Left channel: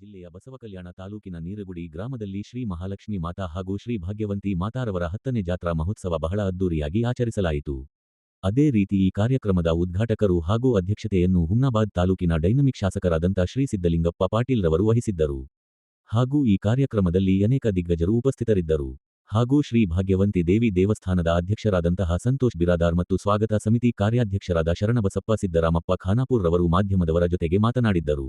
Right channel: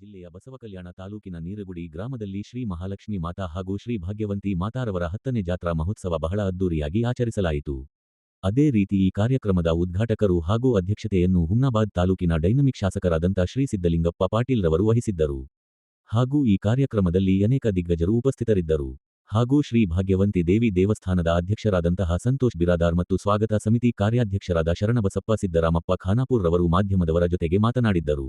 ಜಿಲ್ಲೆಯ ಬಸವಕಲ್ಯಾಣ ತಾಲೂಕಿನ ನೀರಗುಡಿ ಗ್ರಾಮದಲ್ಲಿ ಶ್ರೀ ಮಹಾಲಕ್ಷ್ಮಿ ಮಾತಾ ಹಾಗೂ ಶ್ರೀ ಭಾಗ್ಯವಂತಿ ಮಾತಾರವರ ಹತ್ತನೇ ಜಾತ್ರಾ ಮಹೋತ್ಸವ ಬಹಳ ಅದ್ದೂರಿಯಾಗಿ ಆಚರಿಸಲಾಯಿತು. ಅದೇ ರೀತಿ ಈ ಕಾರ್ಯಕ್ರಮದ ಉದ್ಘಾಟಕರು ಹಾಗೂ ಅಧ್ಯಕ್ಷತೆಯನ್ನು ಹುಮ್ನಾಬಾದ್ ತಾಲೂಕಿನ ಡೈನಮಿಕ್ ಶಾಸಕರಾದಂಥ ಶ್ರೀ ಸಿದ್ದಲಿಂಗಪ್ಪ ಪಾಟೀಲ್ ರವರು ವಹಿಸಿದ್ದರು. ಹಾಗೂ ಈ ಕಾರ್ಯಕ್ರಮದಲ್ಲಿ ಅನೇಕ ದಿಗ್ಗಜರು ಉಪಸ್ಥಿತರಿದ್ದರು. ಹಾಗೂ ಶ್ರೀ ಭಾಗ್ಯವಂತಿ ದೇವಿ ದೇವಸ್ಥಾನದ ಅಧ್ಯಕ್ಷರಾದಂತಹ ಸಂತೋಷ್ ಬಿರಾದಾರ್ ಮತ್ತು ಸ್ವಾಗತ ಸಮಿತಿ ಕಾರ್ಯಾಧ್ಯಕ್ಷರಾದ ಶರಣಬಸಪ್ಪ ಸಿದ್ದರಾಮಪ್ಪ ಖಾನಾಪುರ್ ರವರು ಮಾಧ್ಯಮದವರ ಜೊತೆಗೆ ಮಾತನಾಡಿದ್ದರು.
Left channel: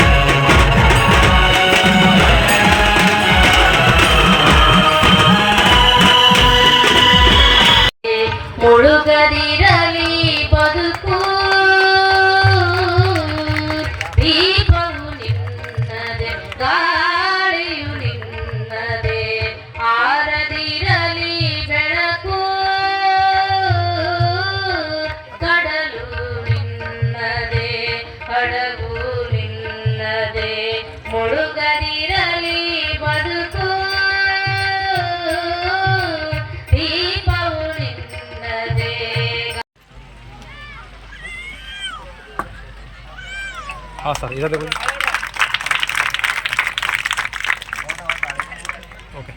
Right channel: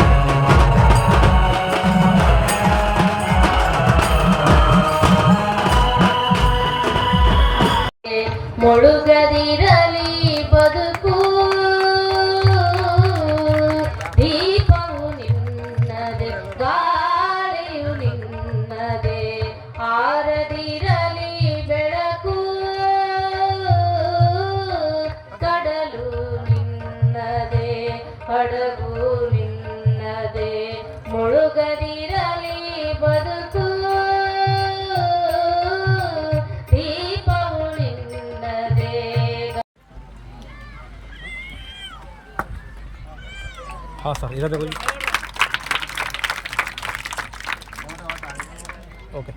ನಿನ್ನದೇ ಮುಳುಗದಿರಲಿ ಬದುಕು ದೀಪವು ನಿನ್ನದೇ ಹಾ ಸರ್ ಇರೋದು ಓಕೆ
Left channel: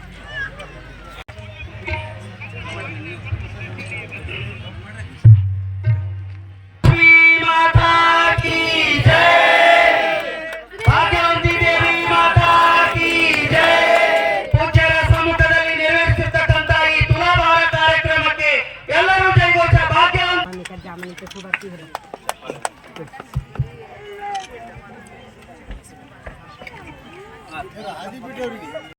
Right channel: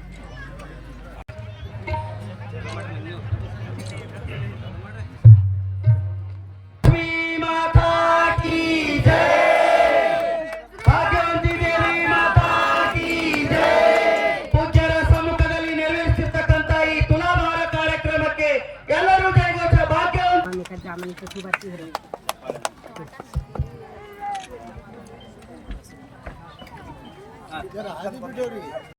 सामने से खूब अच्छी हो रही है